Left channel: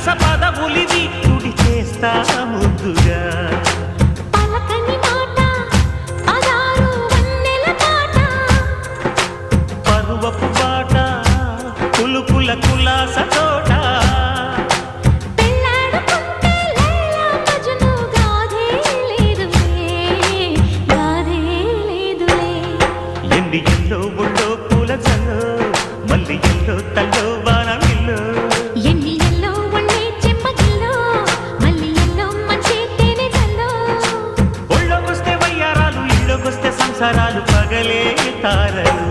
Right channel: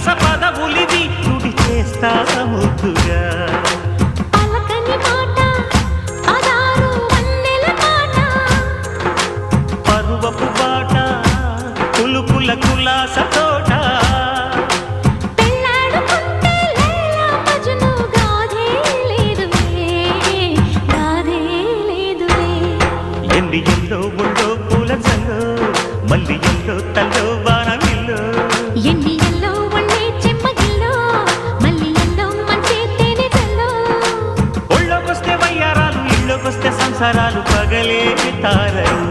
విలాస పదవులివి తుడి చేస్తా ముద్దుగా పలకని మాట పదారు వన్నెల పాట పరువపు బాట కులుకుల కులాస తోట పెళ్ళాడుకుంటే లైలా మజ్ను గాథే లేదులే ఎండి ఎల్లో ఒళ్ళో పూల జల్లో మల్లి ఎల్లో తల్లో వానవిల్లో ఎన్ని ఎల్లో ఒళ్ళే చెమ్మగిల్లో మల్లి ఎల్లో మంచి తేనె జల్లో ఒళ్ళోకొస్తే వయ్యారాలు ఇళ్ళోకొస్తే సంసారాలు పగలే తారలు